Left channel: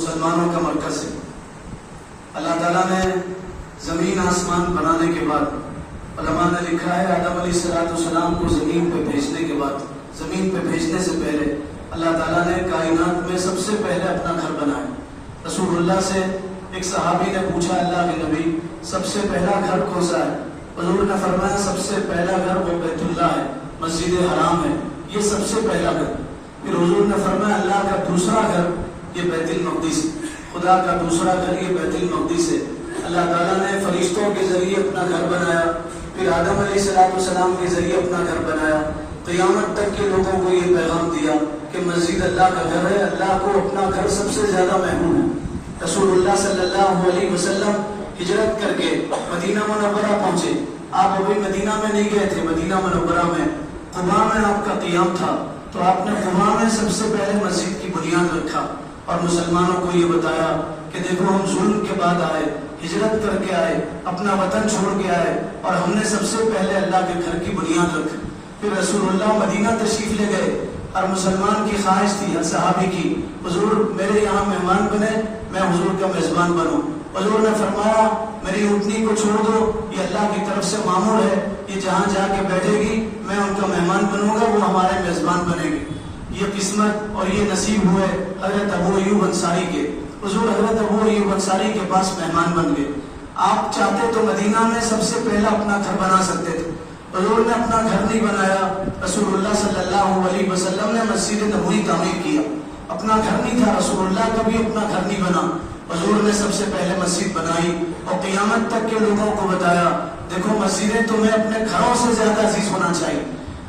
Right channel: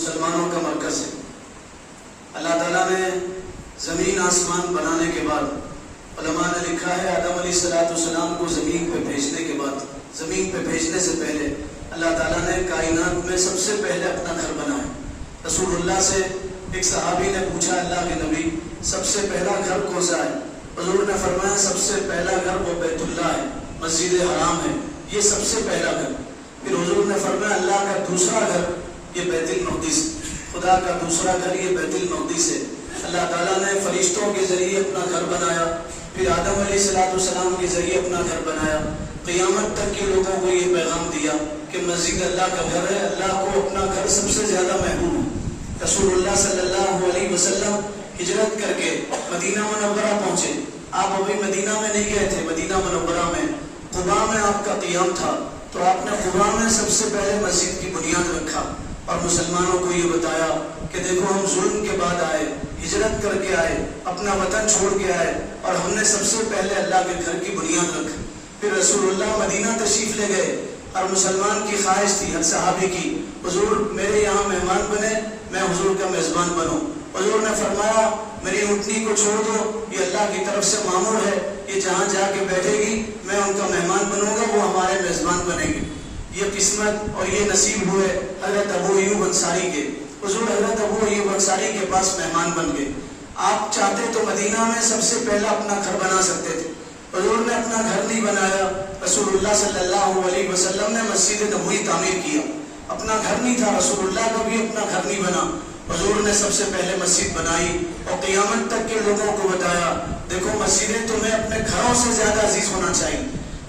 مسلمانوں کا مرکز ہے۔ اللہ تعالیٰ نے زمین آسمان بنانے کے بعد، علماء نے لکھا ہے آدم علیہ السلام کو زمین پہ بھیجنے کے بعد، زمین پہ بھیجنے سے پہلے اللہ تعالیٰ نے کائنات میں سب سے پہلے اپنا گھر بنایا۔ رسول اللہ سے ایک صحابی نے پوچھا اللہ کے نبی سب سے پہلا گھر کون سا ہے؟ حضور نے فرمایا سب سے پہلا گھر وہ بیت اللہ ہے، مسجد حرام ہے، یہ سب سے پہلا گھر۔ پھر حضور نے فرمایا اللہ کا دوسرا گھر یہ بیت المقدس، خدا کا دوسرا گھر یہ بیت المقدس ہے۔ اللہ تعالیٰ نے فرشتوں کے ذریعے اپنا گھر بنایا، پھر آدم علیہ السلام کے ذریعے اپنا گھر بنایا۔ قیامت تک کے لوگوں کو یہ پیغام دیا کہ مسجد اللہ کا گھر ہے، اللہ کو اپنا گھر سب سے زیادہ محبوب ہے۔ رسول اللہ صلی اللہ علیہ وسلم ہجرت کر کے مدینہ منورہ پہنچے۔ آپ ابھی مدینہ میں نہیں گئے تھے، مدینہ منورہ میں قباء میں آپ کا قیام تھا، تو آپ نے قباء میں سب سے پہلے مسجد کی بنیاد رکھا اور مسلمانوں کو یہ بتایا کہ دیکھو ہم ظلم کے بعد آئے، ہجرت کر کے آئے، اپنا وطن چھوڑ کے آئے اور ہم نے سب سے پہلے اللہ کے گھر کی بنیاد رکھی۔ پھر رسول اللہ مدینہ تشریف لے گئے اور مسلمان کی خواہش تھی، ہر صحابی کی، حضور میرے یہاں مہمان بنے، میں حضور کا میزبان بنوں۔ حضور نے فرمایا میری اونٹنی کو چھوڑ دو، یہ اللہ کی طرف سے مامور ہے، یہ جہاں جا کے بیٹھے گی میں ان کا مہمان بنوں گا، وہ ہمارے میزبان بنے گی۔ یہ قسمت اور یہ نصیب ہوئے حضرت ابو ایوب انصاری کے۔ حضور حضرت ابو ایوب انصاری کے پاس مہمان بن گئے۔ آپ چاہتے تو مدینہ میں سب سے پہلا اپنا گھر بنا سکتے تھے، حضور نے اپنا گھر نہیں بنایا۔ رسول اللہ صلی اللہ علیہ وسلم نے مسجد نبوی تعمیر کیا، اپنا گھر نہیں تھا، رسول اللہ کا بھی اپنا گھر نہیں بنا، حضور نے سب سے پہلے مسجد بنائی اور قیامت تک کے لوگوں کو بتایا دیکھو مسجدیں تمہیں اپنے گھروں سے زیادہ عزیز ہونا چاہیے۔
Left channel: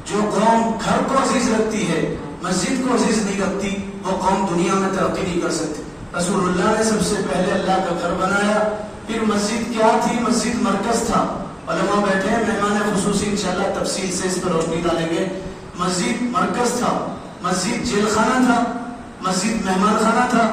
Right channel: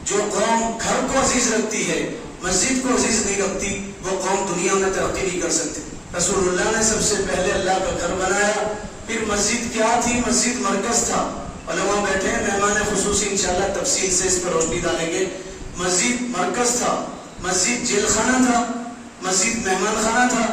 جو قوم گھر کو عزیز رکھتی ہے، مسجد کو عزیز نہیں رکھتی، وہ قوم دنیا میں ترقی نہیں کر سکتی۔ رسول اللہ نے سب سے پہلے اللہ کا گھر بنایا۔ پھر مسجد کیا تھی؟ مسجد مرکز تھا۔ علماء بیٹھے ہیں، مہمان خصوصی انشاءاللہ تفصیل سے اس پر روشنی ڈالیں گے۔ مسجد مرکز تھا، مسجد جیل خانہ تھا، مسجد مہمان خانہ تھا،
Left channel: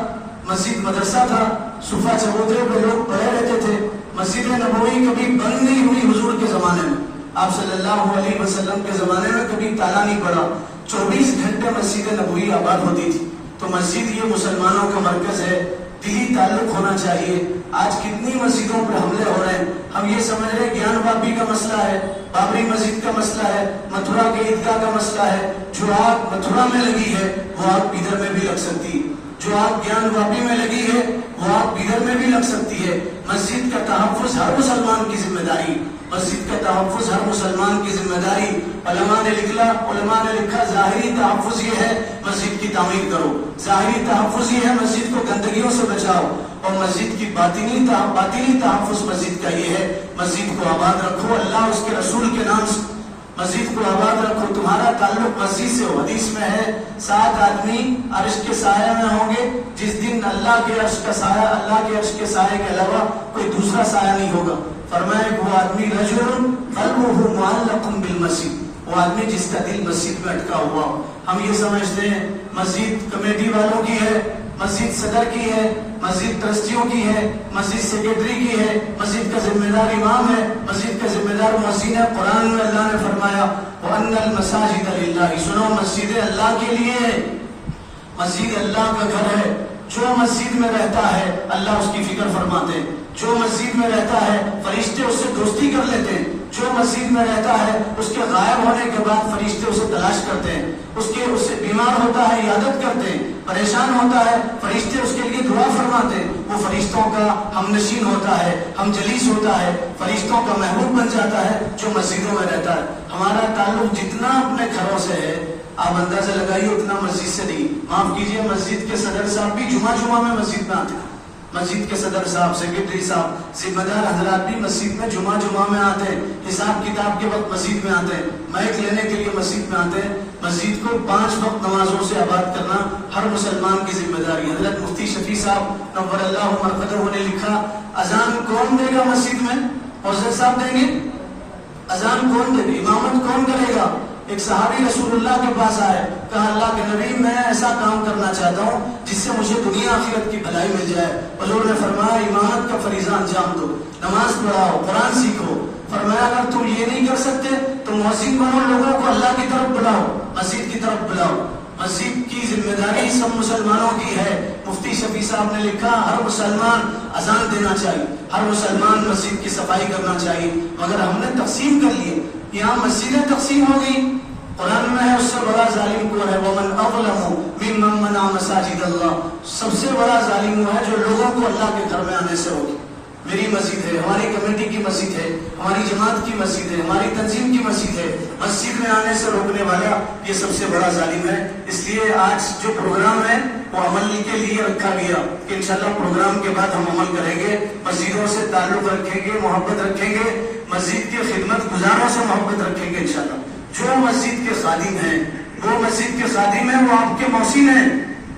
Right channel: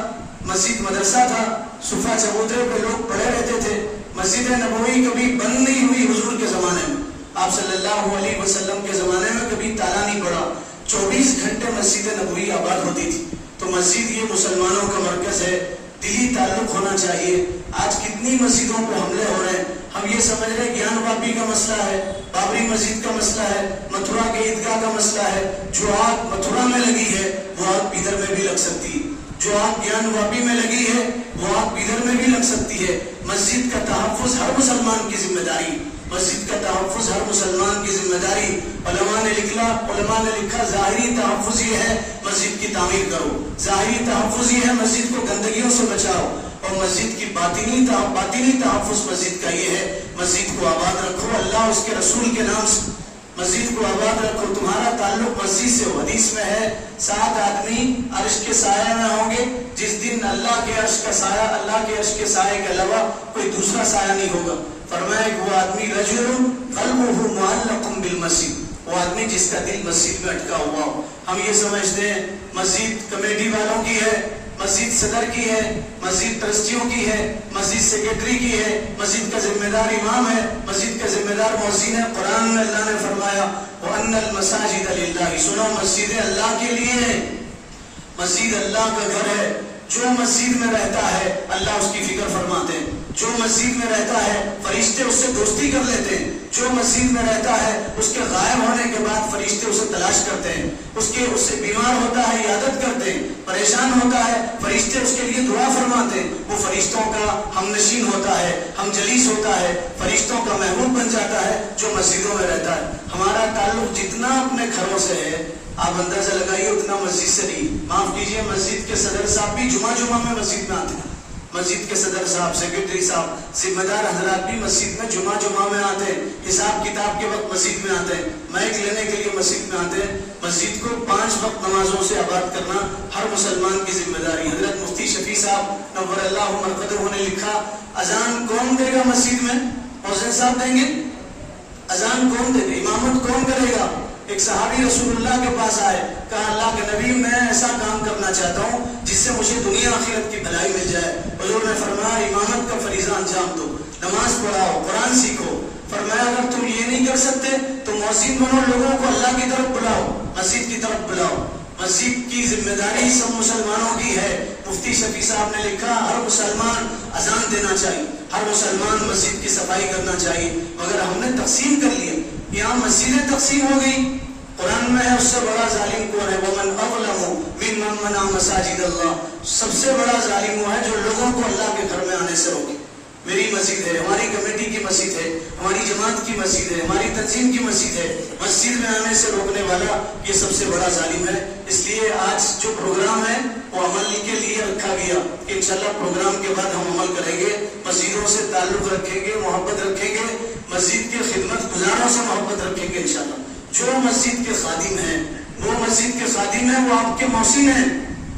مسجد مدرسہ تھا، صفہ چبوترے پہ لوگ پڑھے رہتے تھے۔ مسجد نبوی کبھی بند نہیں ہوئی حضور کے زمانے میں، آپ صلی اللہ علیہ وسلم کے زمانے میں کبھی تالا نہیں پڑا، 24 گھنٹے مسجد نبوی آباد ہوتی تھی۔ تو مسجد یہ مسلمانوں کا مرکز ہے، دلی تعلق ہونا چاہیے۔ آج کتنی مسجدوں پہ حملے ہو رہے ہیں، ہم یہ سمجھ رہے ہیں گیان واپی کا مسئلہ ہے، بابری مسجد کا مسئلہ ہے، متھرا کے عیدگاہ کا مسئلہ ہے۔ جو آگ متھرا میں لگی ہے وہ آگ ادھر میں بھی لگ سکتی ہے، جو آگ گیان واپی میں لگی ہے وہ آگ ادھر میں بھی لگ سکتی ہے۔ مسجد کا تحفظ ہر مسلمان کی ذمہ داری، مسجد کا تحفظ ہر مسلمان کی ذمہ داری۔ علماء نے لکھا ظاہری تحفظ یہ ہے مسجد کی تعمیر کرو، ظاہری تحفظ یہ ہے مسجد کو گندگیوں سے بچاؤ، اور مسجد کی باطنی تحفظ مسجد کا یہ ہے مسجد کو آباد رکھو، اللہ اس کے رسول کے نام سے مسجد کو آباد رکھو، تمہارا تعلق مسجد سے ہو۔ حدیث میں ہے 7 آدمی عرش کے سائے میں ہوں گے جس دن اللہ کے عرش کے سائے کے علاوہ کوئی دوسرا سایہ نہیں ہوگا۔ فرمایا وہ آدمی رجل قلبہ معلق بالمسجد، وہ آدمی جس کا دل مسجد میں اٹکا ہوا ہو۔ ہم یہ سمجھتے ہیں مسجد کمیٹی والوں کی ہے، مسجد صدر کی ہے، مسجد ٹرسٹیوں کی ہے، مسجد سیکرٹری کی ہے، مسجد کا ذمہ دار امام ہے، مسجد کا ذمہ دار مؤذن ہے۔ قرآن میں اللہ نے فرمایا وَأَنَّ الْمَسَاجِدَ لِلَّهِ، سنو مسجدیں اللہ کے لیے ہیں، مسجد اللہ کا گھر ہے۔ جو مسجد میں رہتا ہے اللہ اس کی فکر فرماتے ہیں، جو مسجد میں رہتا ہے فرشتے اس سے دوستی کر لیتے ہیں، جو مسجد میں رہتا ہے اس کے غائب ہونے کے بعد فرشتے اسے تلاش کرتے ہیں، اس سے بیمار ہوتا ہے عیادت کرتے ہیں، پریشان ہوتا ہے فرشتے اس کے لیے دعا فرماتے ہیں، وہ فرشتوں کا ہم نشین ہوتا ہے، ہم جلیس ہوتا ہے، فرشتوں کا محبوب بن جاتا ہے جو مسجدوں میں رہتا ہے۔ ہمارا تعلق جتنا اپنے گھروں سے ہے آپ اندازہ لگائیے اتنا مسجد سے نہیں۔ معاف کیجئے مسجد کے صدر صاحب بھی جمعہ میں مسجد میں آتے ہیں، مسجد کے صدر صاحب، سیکرٹری صاحب، ذمہ دار حضرات بھی مسجد میں جمعہ میں آتے ہیں، حساب کتاب کے وقت مسجد میں آتے ہیں، مائک لینے کے لیے مسجد میں آتے ہیں۔ مسجد کو 5 وقت نمازوں سے آباد کرنا ہر مسلمان کی ذمہ داری۔ حضرت مفتی شفیع صاحب نور اللہ مرقدہ نے لکھا اذان کون دے گا مسجد میں؟ حسین صاحب دیں گے؟ اذان کون دے گا؟ امامت کون کرے گا؟ ایک صحابی رسول اللہ کے پاس آئے، کہا اللہ کے نبی میں ایسا کام کرنا چاہتا ہوں جس سے مجھے دنیا آخرت کی بھلائی مل جائے۔ حضور نے فرمایا امامت کا فریضہ انجام دو، نماز پڑھاؤ، قرآن سیکھو۔ فرمایا اگر تم یہ نہیں کر سکتے تو مؤذن بنو، لوگوں کو اللہ کی طرف بلاؤ، مسجد کی طرف بلاؤ۔ مسجد کی ذمہ داری سب مسلمانوں کی ہے، مفتی شفیع صاحب نے لکھا ہر مسلمان اذان دینا چاہیے، ہر مسلمان مسجد کی صفائی کرنا چاہیے، مگر ہم نے تقسیم کر لیے، یہاں مسجدیں تقسیم ہو گئی۔ قرآن میں ہے اس سے بڑا ظالم کون ہے؟ ومن اظلم ممن منع مساجد اللہ، سب سے بڑا ظالم وہ ہے جو لوگوں کو اللہ کے گھر میں آنے سے روکے۔ میری مسجد ہے، ہماری کمیٹی کی مسجد ہے، ہماری جماعت کی مسجد ہے، ہماری تنظیم کی مسجد ہے، مسجد میں آنے سے روکنے والا یہ سب سے بڑا ظالم ہے۔ اس لیے آج جو پروگرام ہے وہ عمل کے لیے رکھا گیا کہ انشاءاللہ پروگرام کے بعد ہم عمل کریں گے، مسجدوں سے تعلق رکھیں گے، محبت رکھیں گے، مسجد کی خدمت گزاروں سے محبت رکھیں گے انشاءاللہ۔ جو مسجد کے خادم ہیں وہ مسجد کے خادم ہیں، وہ آپ کے محسن ہیں۔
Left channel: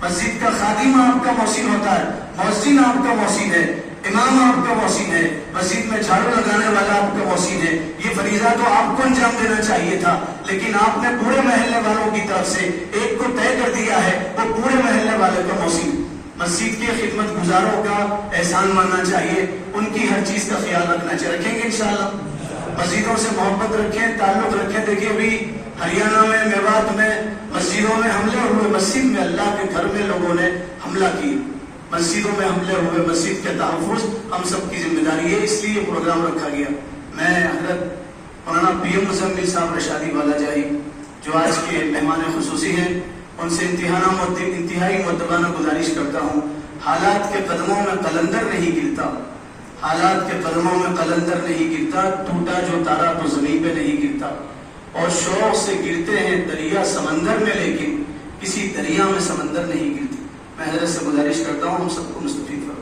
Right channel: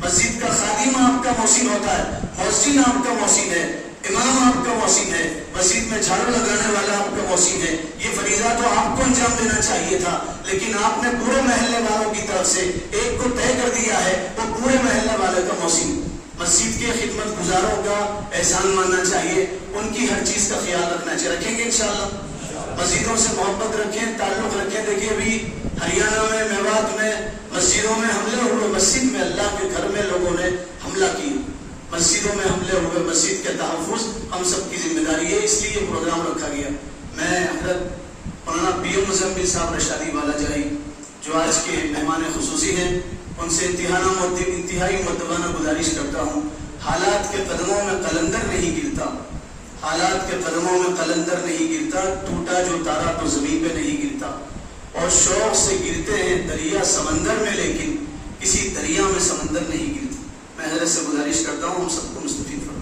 مسجد کا خادم آپ کا محسن ہوتا ہے، محسن آپ کا محسن ہے، امام آپ کا محسن ہے، مسجد میں جھاڑو لگانے والا آپ کا محسن ہے۔ یہ فریضہ تو آپ کو انجام دینا چاہیے تھا، لیکن آپ نے پورے محلے والوں کی طرف سے ایک کو طے کر دیا ہے، وہ پورے محلے والے کا محسن۔ مسجد کے خدمت گزاروں کا احسان ماننا چاہیے، ان کی ہر چیز کا خیال رکھنا چاہیے، رکھیں گے انشاءاللہ۔ مسجدوں سے محبت رکھیں، تعلق رکھیں۔ دیکھیے ابھی ہریانہ میں، میوات میں مسجدوں میں حملے ہوئے، مسجد میں اللہ کے گھر میں لوگوں نے حملہ کی، مسجدوں میں حملے ہوئے، مسجد کے تحفظ ہم سب کی ذمہ داری ہے، اس لیے یہ پروگرام رکھا گیا۔ میں حضرت مولانا پی ایم مزمل صاحب رشادی والا جائی جو آج کے مہمان خصوصی ہیں، ان سے انتہائی مؤدبانہ گزارش کرتا ہوں، حالات کے قدموں میں قلندر نہیں گرتا، حالات کے قدموں میں قلندر نہیں گرتا، ٹوٹا جو تارا تو زمین پہ نہیں گرتا، اور شوق سے گرتے ہیں دریا سمندر میں، لیکن کسی دریا میں سمندر نہیں گرتی۔ میں حضرت سے گزارش کرتا ہوں ہم سب کو مستفید فرمائیں۔